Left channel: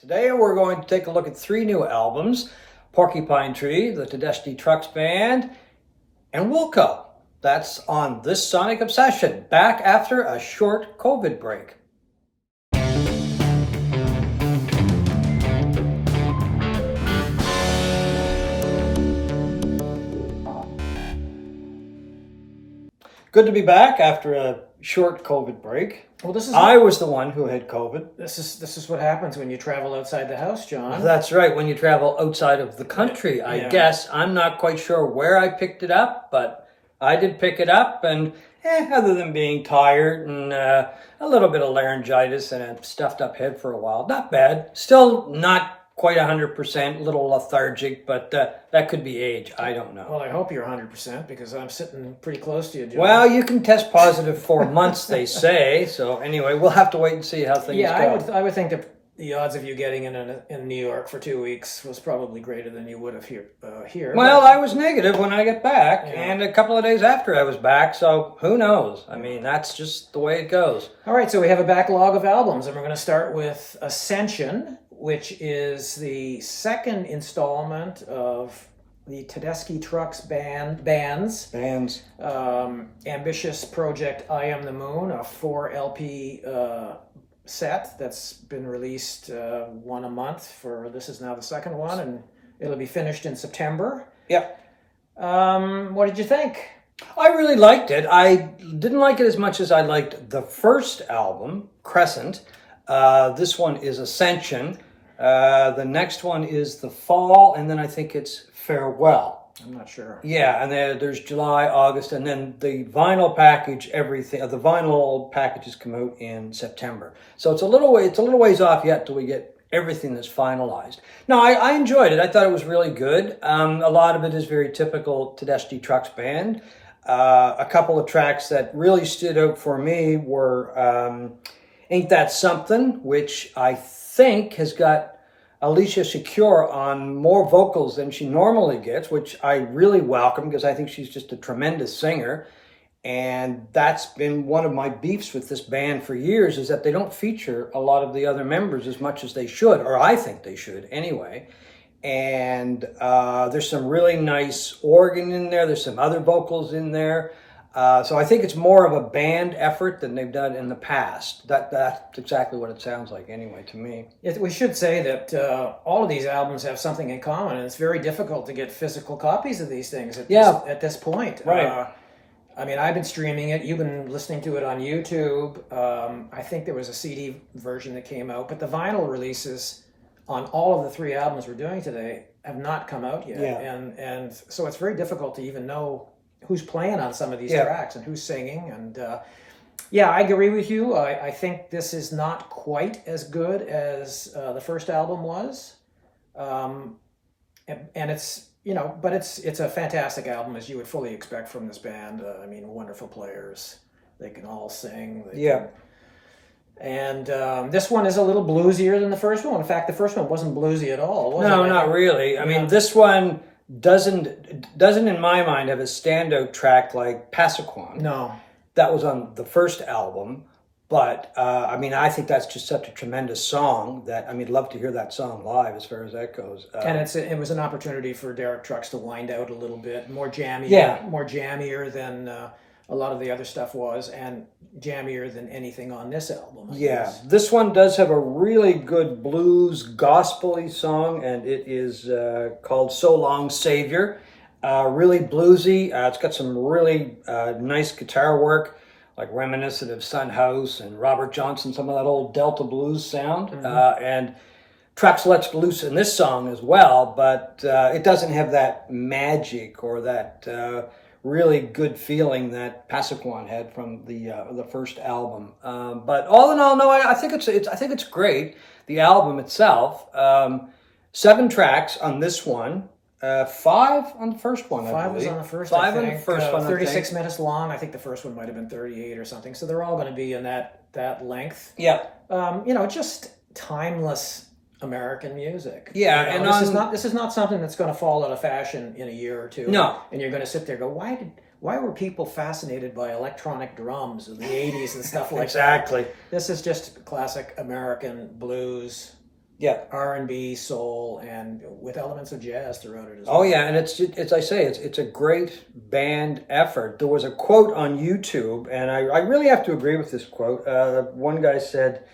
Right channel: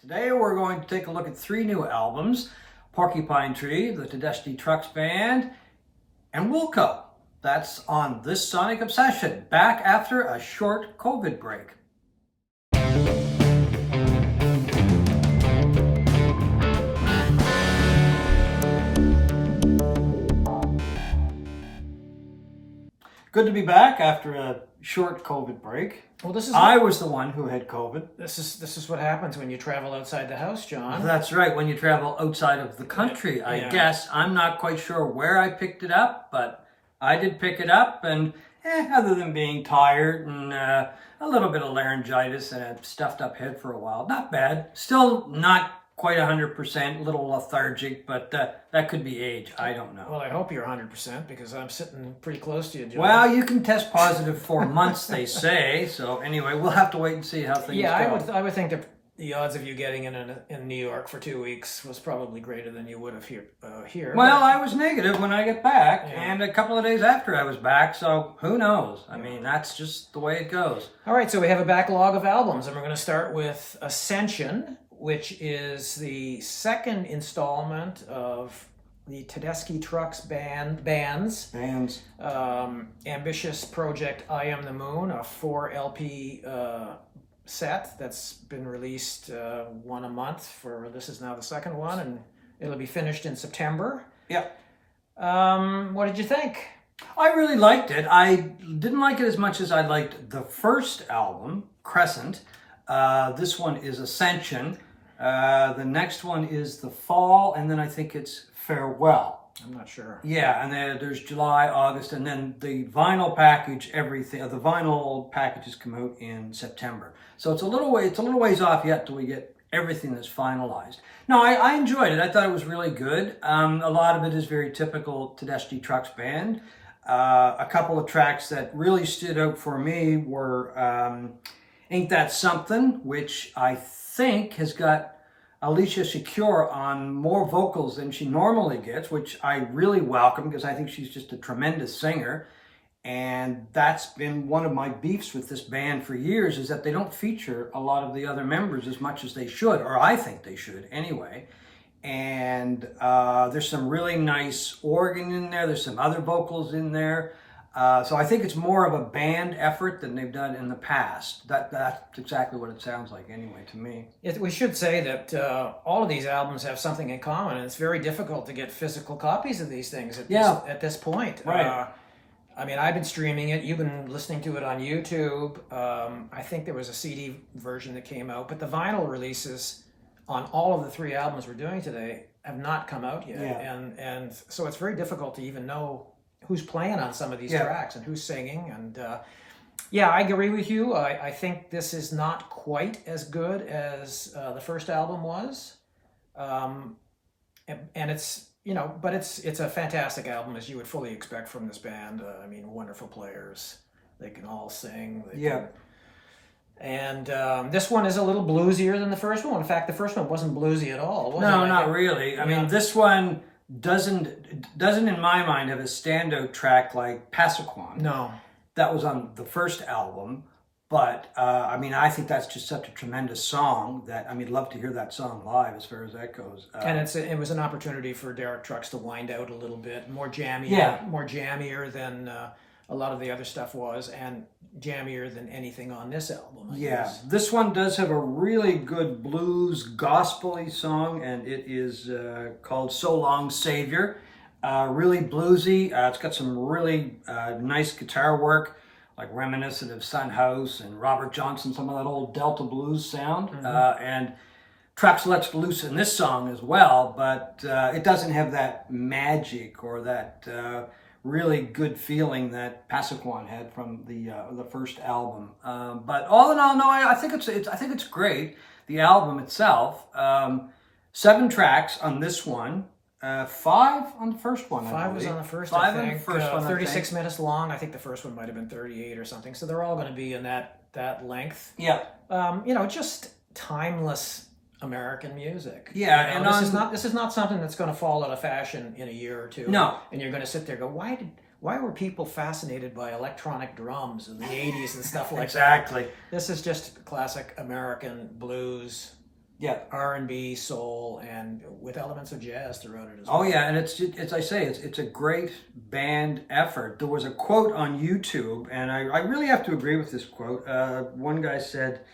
Today we're going to take a look at three new albums: Porcupine Tree, the Tedeschi Trucks Band, and Wilco. That's on this Sonic Obsession, back after a short COVID break. Good to be back after a short COVID break. Well, I was the one who had COVID. This is what happens when you travel outside the house, John. That's right, when you travel outside of the country, I guess. I'm not quite sure where I picked it up, but I did pick it up, and other than being tired and a little bit of laryngitis and a stuffed up head for a while, not bad. Still not quite 100%, a little lethargic, but that could be age. I don't know. Well, I hope you're 100% because I'm sitting pretty close to you, John. Well, you can test positive for months, they say. So anyway, we'll have to wait and see how things go. Yeah, I would think that the odds of you getting in New York for 2 weeks was probably greater than you would have here. Well, I was negative when I got back, and a couple of days after I was back, so who knows? I mean, that's just the way it goes. All right, so we have a backlog of albums, and we're going to start with Ascension, which is the second installment of the Tedeschi Trucks Band's ambitious project I Am the Moon, a 4 LP set that's been released one a month this is now the second one, and it'll be finished in September. Yep. What did you think? I really liked it. I didn't like it as much as I liked the first album, Crescent. This one is Ascension. The next one is The Fall, and then I think it's Farewell. I'm not sure. Yeah, and there's July, August, and then the vinyl package, everything. The vinyl packages come out in September. So it's a little ways off yet till we get everything that's finalized. No, I enjoyed it. I thought it was really good. A lot of it is very typical Tedeschi Trucks Band. A couple of tracks that really stood out for me were Ain't That Something, which I think has got Alicia Secure on more vocals than she normally gets, which I really welcome because I think she's just a tremendous singer. And that's been one of my beefs with this band for years, is that they don't feature a lot of the other members as much as they should, or I think they should anyway. And there's some really nice organ in there. There's some other vocals in there. So I think it's more of a band effort than they've done in the past. That's exactly what it sounds like anyway to me. We should say that all of these albums have something in common, and it's very difficult to get physical copies of these things at this point. Right. I mean, I've been streaming it. You've been listening to it on YouTube. I think there was a CD version that came out, but the vinyl releases on all of the three albums we're doing today have not come out yet. Yeah. And so it's very difficult to even know who's playing on some of these tracks and who's singing. And I agree with you. I think this is not quite as good as the first album was. And it's, but it's a fantastic album, as you would fully expect from this band. I mean, wonderful players. They can all sing. And this one is a little bluesier than the first one. In fact, the first one wasn't bluesy at all, was it? No, not really. I mean, this one doesn't in my mind have a standout track like Passaquan. No. That was on the first album, but I mean, I think that's just such a tremendous song that, I mean, love to hear that song live as far as that goes. And it was an opportunity for Derek Trucks to wind out a little bit, more jammier than a lot of the other stuff was, and jammier than anything on this album. I guess. This one does have a really good blues gospel-y song, and it is called So Long Savior. Really bluesy. It's got some really nice guitar work, like reminiscent of Son House and Robert Johnson, some of that old Delta blues sound. And Trucks lets loose in this song as well, but it doesn't have that magic or that really good feeling that Passaquan had from the first album. But all in all, no, I think it's great. The album itself, 7 tracks on this one, 5 on the first one. 5 was on the first. 5 on the first one. 36 minutes long. I think the first one might have been 38 or something. So they're all going to be in that length. Yeah. Just timeless American music. Yeah, and this is not something that's going to fall out of fashion in a year or two. No. And you're going to sit there and go, why were people fascinated by electronic drums in the 80s and stuff like exactly. that? This is just classic American blues, Yeah. R&B, soul, and with elements of jazz throughout it as well. Oh yeah, and it's, as I say, it's a great band effort. There was a quote on YouTube, and I really have to agree with this quote. One guy said,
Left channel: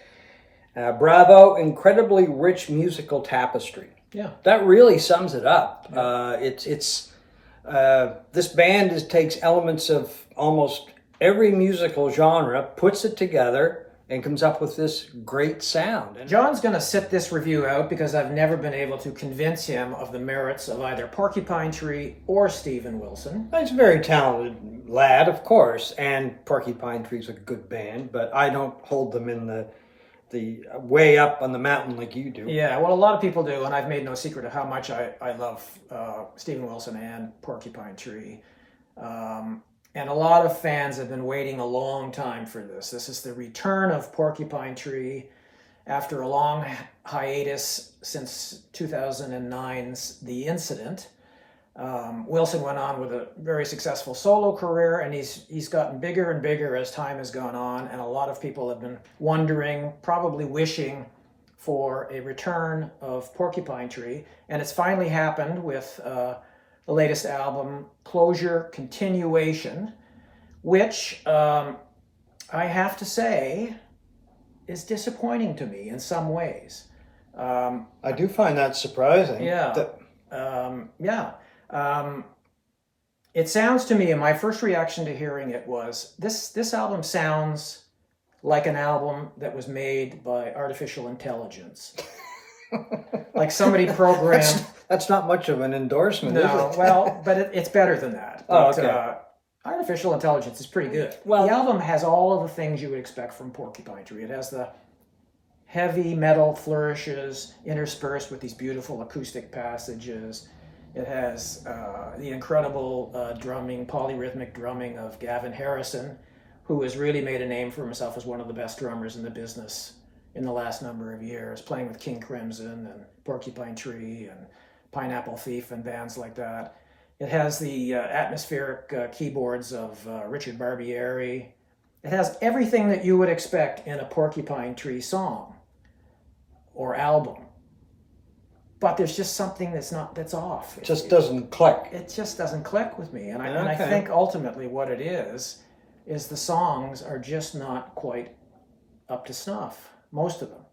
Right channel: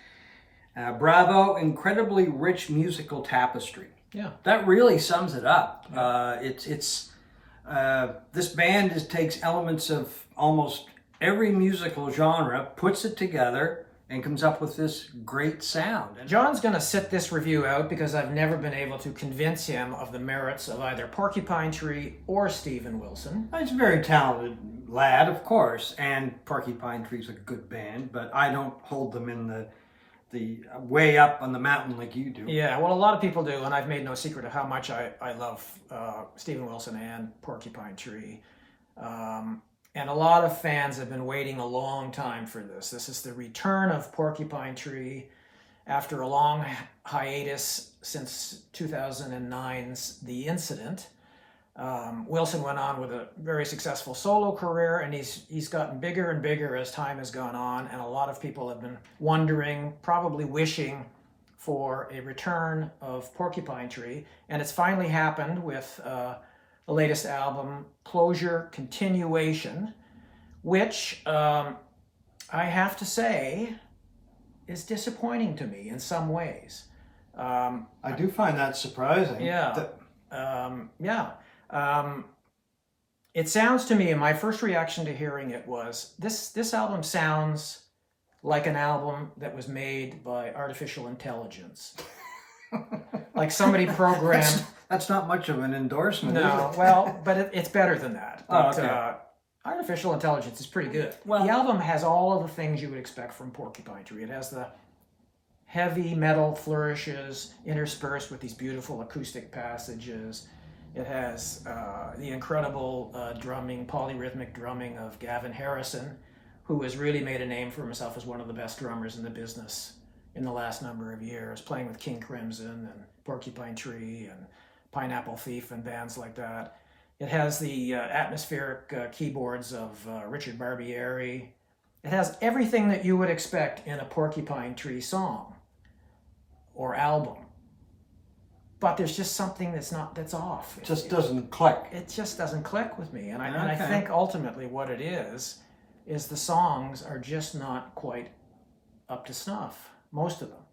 "Bravo, incredibly rich musical tapestry." Yeah. That really sums it up. Yeah. This band takes elements of almost every musical genre, puts it together, and comes up with this great sound. And John's going to sit this review out because I've never been able to convince him of the merits of either Porcupine Tree or Steven Wilson. he's a very talented lad, of course, and Porcupine Tree's a good band, but I don't hold them in the way up on the mountain like you do. Yeah, well, a lot of people do, and I've made no secret of how much I love Steven Wilson and Porcupine Tree. And a lot of fans have been waiting a long time for this. This is the return of Porcupine Tree after a long hiatus since 2009's The Incident. Wilson went on with a very successful solo career, and he's gotten bigger and bigger as time has gone on, and a lot of people have been wondering, probably wishing for a return of Porcupine Tree, and it's finally happened with the latest album, Closure Continuation, which I have to say is disappointing to me in some ways. I do find that surprising. Yeah. It sounds to me, and my first reaction to hearing it was, this album sounds like an album that was made by artificial intelligence. Like somebody programmed. That's not much of an endorsement, is No, it? well, but it's better than that. Oh, But, okay. artificial intelligence is pretty good. Well- the album has all of the things you would expect from Porcupine Tree. It has the heavy metal flourishes interspersed with these beautiful acoustic passages. It has the incredible drumming, polyrhythmic drumming of Gavin Harrison, who has really made a name for himself as one of the best drummers in the business in the last number of years, playing with King Crimson and Porcupine Tree and Pineapple Thief and bands like that. It has the atmospheric keyboards of Richard Barbieri. It has everything that you would expect in a Porcupine Tree song or album. But there's just something that's off. It just doesn't click. It just doesn't click with me. And I Okay. think ultimately what it is the songs are just not quite up to snuff, most of them.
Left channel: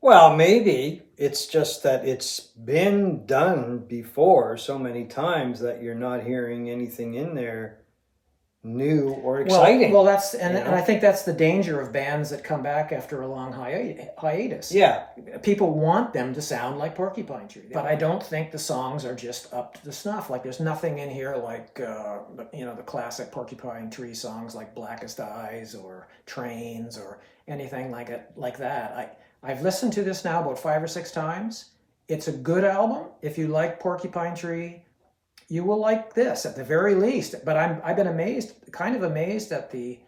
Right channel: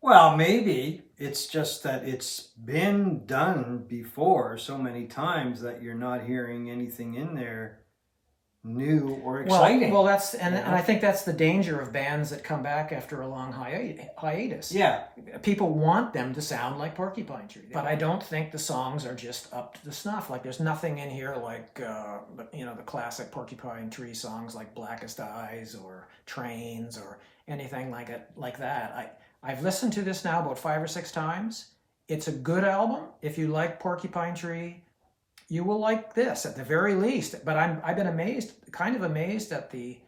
Well, maybe it's just that it's been done before so many times that you're not hearing anything in there new or exciting. Well, that's and you know? I think that's the danger of bands that come back after a long hiatus. Yeah. People want them to sound like Porcupine Tree, but I don't think the songs are just up to the snuff. Like there's nothing in here like the classic Porcupine Tree songs like Blackest Eyes or Trains or anything like that. I've listened to this now about 5 or 6 times. It's a good album. If you like Porcupine Tree, you will like this at the very least. But I've been kind of amazed at the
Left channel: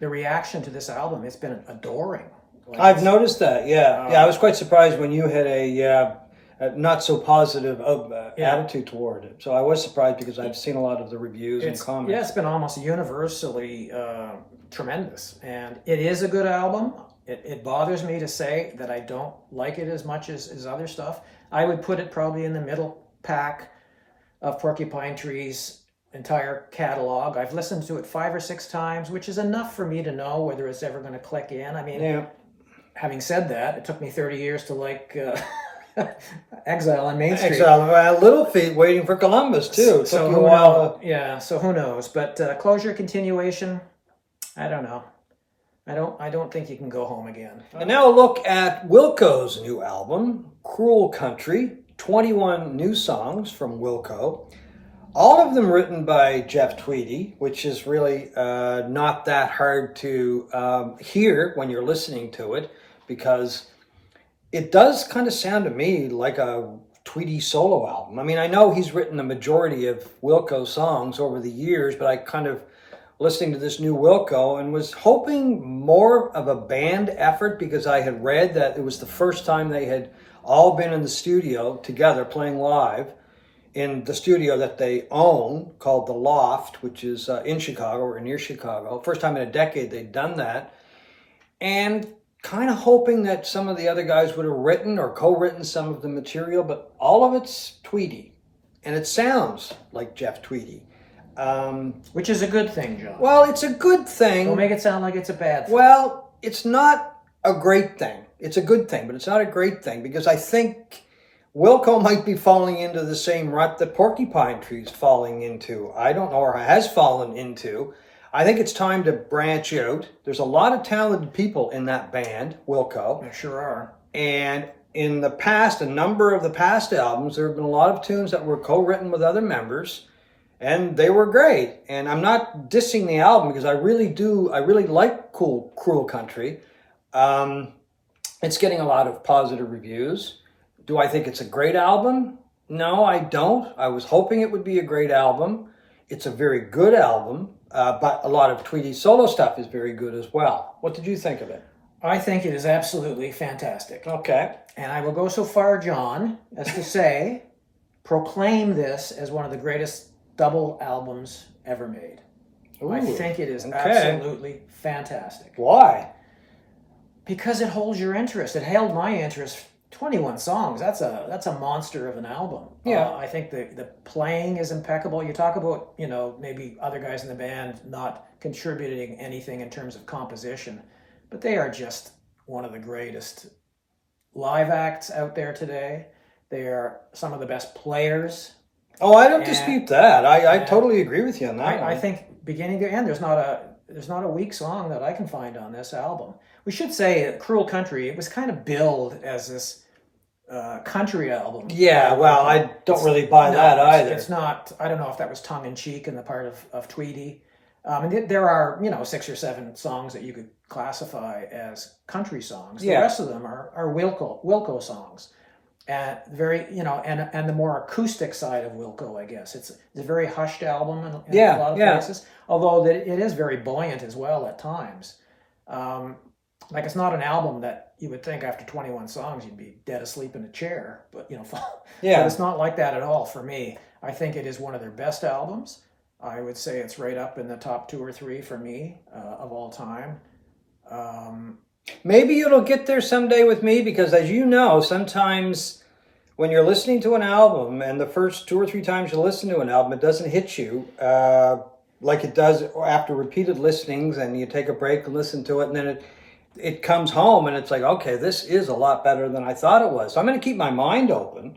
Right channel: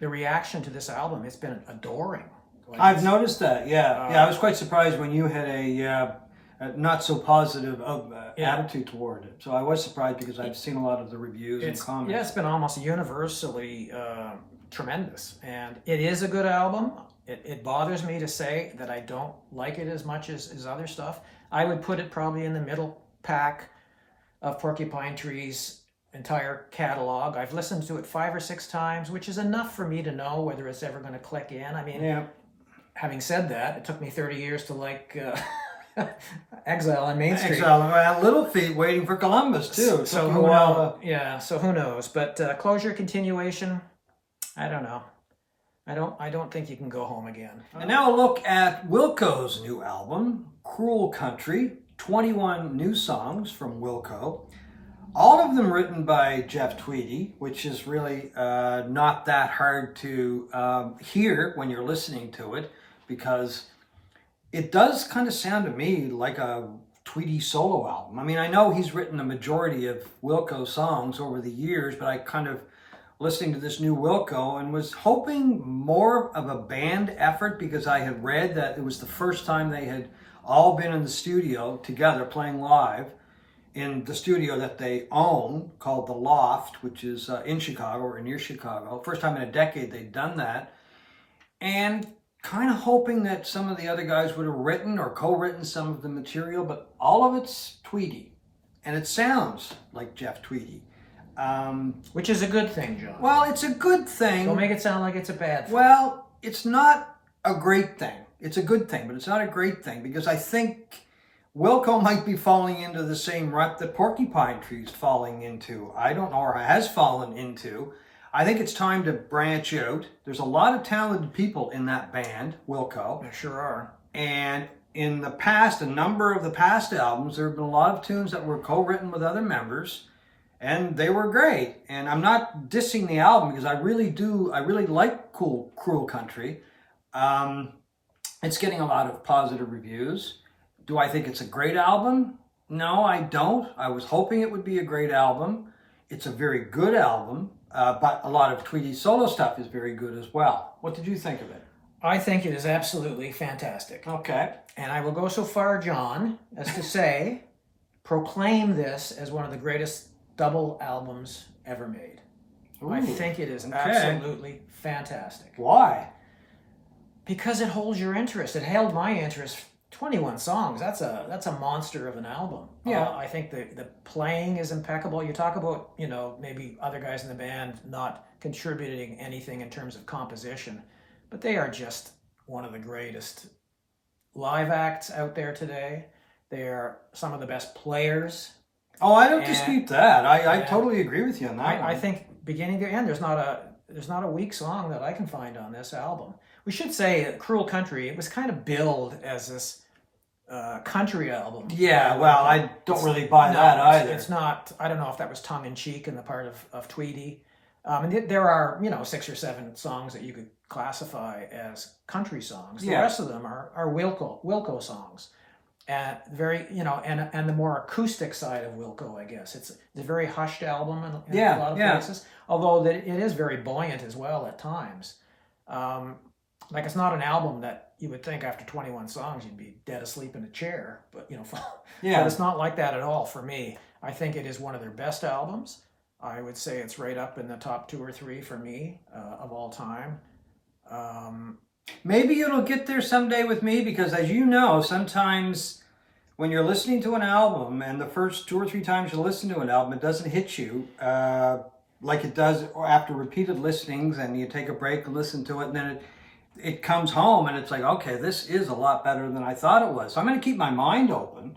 reaction to this album. It's been adoring. Like I've noticed that. Yeah. I was quite surprised when you had a not so positive attitude toward it. So I was surprised because I've seen a lot of the reviews and comments. Yeah, it's been almost universally tremendous. And it is a good album. It bothers me to say that I don't like it as much as other stuff. I would put it probably in the middle pack of Porcupine Tree's entire catalog. I've listened to it 5 or 6 times, which is enough for me to know whether it's ever going to click in. I mean, having said that, it took me 30 years to like Exile on Main Street. Exile, Little Feat waiting for Columbus too. So who knows? Yeah, so who knows? But Closure Continuation, I don't know. I don't think you can go home again. And now a look at Wilco's new album, Cruel Country. 21 new songs from Wilco. All of them written by Jeff Tweedy, which is really not that hard to hear when you're listening to it, because it does kind of sound to me like a Tweedy solo album. I mean, I know he's written the majority of Wilco songs over the years, but I kind of listening to this new Wilco and was hoping more of a band effort, because I had read that it was the first time they had all been in the studio together playing live in the studio that they own called The Loft, which is in Chicago or near Chicago. First time in a decade they'd done that. And kind of hoping that some of the other guys would have written or co-written some of the material, but all of it's Tweedy. And it sounds like Jeff Tweedy. Which is a good thing, John. Well, it's a good thing. Don't make it sound like it's a bad thing. Well, it's not a great thing. It's a good thing, but it's not a great thing because I think Wilco might be falling into the same rut that Porcupine Tree is falling into. I don't know, or has fallen into. I think it's time to branch out. There's a lot of talented people in that band, Wilco. There sure are. And in the past, a number of the past albums, there have been a lot of tunes that were co-written with other members, and they were great. And I'm not dissing the album because I really like Cruel Country. It's getting a lot of positive reviews. Do I think it's a great album? No, I don't. I was hoping it would be a great album. It's a very good album, but a lot of Tweedy's solo stuff is very good as well. What did you think of it? I think it is absolutely fantastic. Okay. And I will go so far, John, as to say, proclaim this as one of the greatest double albums ever made. Ooh, I think it is absolutely fantastic. Why? Because it holds your interest. It held my interest. 21 songs. That's a monster of an album. Yeah. I think the playing is impeccable. You talk about, maybe other guys in the band not contributing anything in terms of composition, but they are just one of the greatest live acts out there today. They are some of the best players. Oh, I don't dispute that. I totally agree with you on that. I think beginning to end, there's not a weak song that I can find on this album. We should say Cruel Country, it was kind of billed as this country album. Yeah, well, I don't really buy that either. It's not, I don't know if that was tongue-in-cheek in the part of Tweedy. And there are, 6 or 7 songs that you could classify as country songs. The rest of them are Wilco songs. And very, and the more acoustic side of Wilco, I guess. It's a very hushed album in a lot of places. Although it is very buoyant as well at times. Like it's not an album that you would think after 21 songs you'd be dead asleep in a chair, but but it's not like that at all for me. I think it is one of their best albums. I would say it's right up in the top 2 or 3 for me of all time. Maybe it'll get there someday with me because, as you know, sometimes when you're listening to an album and the first 2 or 3 times you listen to an album, it doesn't hit you like it does after repeated listenings, and you take a break and listen to it, and then it comes home and it's like, okay, this is a lot better than I thought it was. So I'm going to keep my mind open.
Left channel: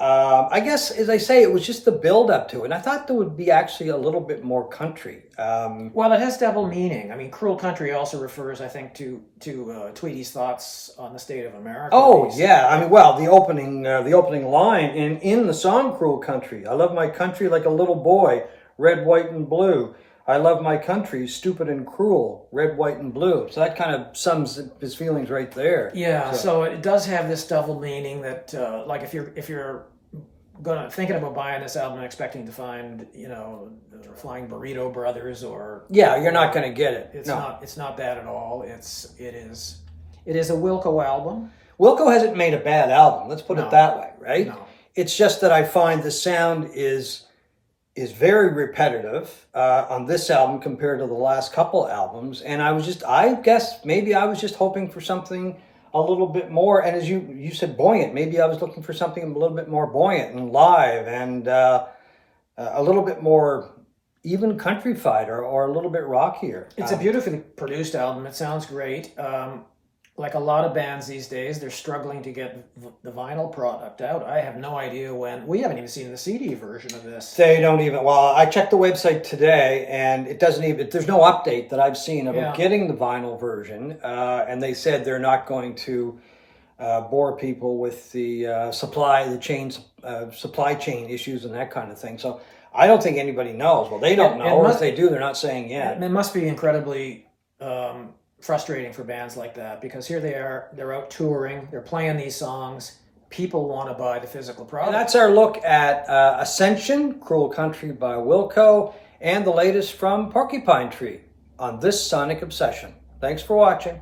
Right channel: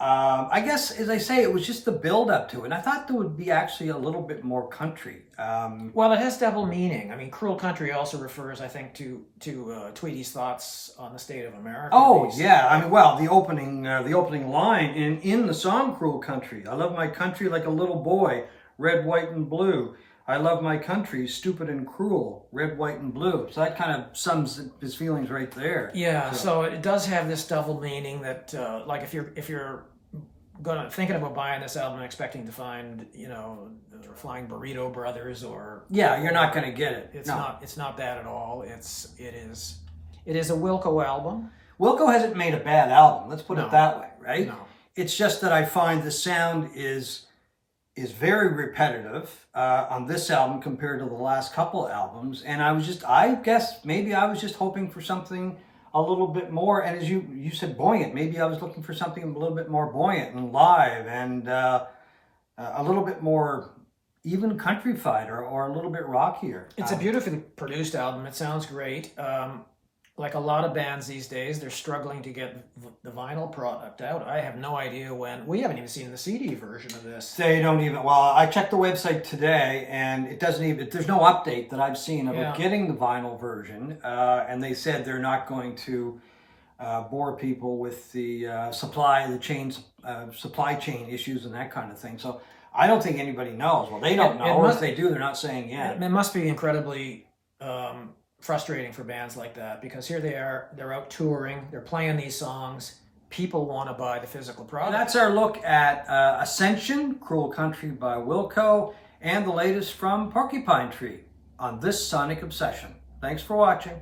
I guess, as I say, it was just the build up to it. And I thought there would be actually a little bit more country. Well, it has double meaning. I mean, Cruel Country also refers, I think, to Tweedy's thoughts on the state of America. Oh, yeah. I mean, well, the opening line in the song Cruel Country. I love my country like a little boy, red, white, and blue. I love my country, stupid and cruel, red, white, and blue. So that kind of sums his feelings right there. Yeah, so it does have this double meaning that, like, if you're thinking about buying this album and expecting to find, the Flying Burrito Brothers or you're not going to get it. It's not that at all. It is a Wilco album. Wilco hasn't made a bad album. Let's put it that way, right? No. It's just that I find the sound is very repetitive on this album compared to the last couple albums. And I guess maybe I was just hoping for something a little bit more. And as you said, buoyant. Maybe I was looking for something a little bit more buoyant and live and a little bit more even countrified or a little bit rockier. It's a beautifully produced album. It sounds great. Like a lot of bands these days, they're struggling to get the vinyl product out. I have no idea when. We haven't even seen the CD version of this. They don't even. Well, I checked the website today, and it doesn't even. There's no update that I've seen of getting the vinyl version. And they said they're not going to bore people with the supply chain issues and that kind of thing. So I don't think anybody knows. Well, they don't know, or if they do, they're not saying yet. It must be incredibly frustrating for bands like that, because here they're out touring, they're playing these songs, people want to buy the physical product. And that's our look at Ascension, Cruel Country by Wilco, and the latest from Porcupine Tree on this Sonic Obsession. Thanks for watching.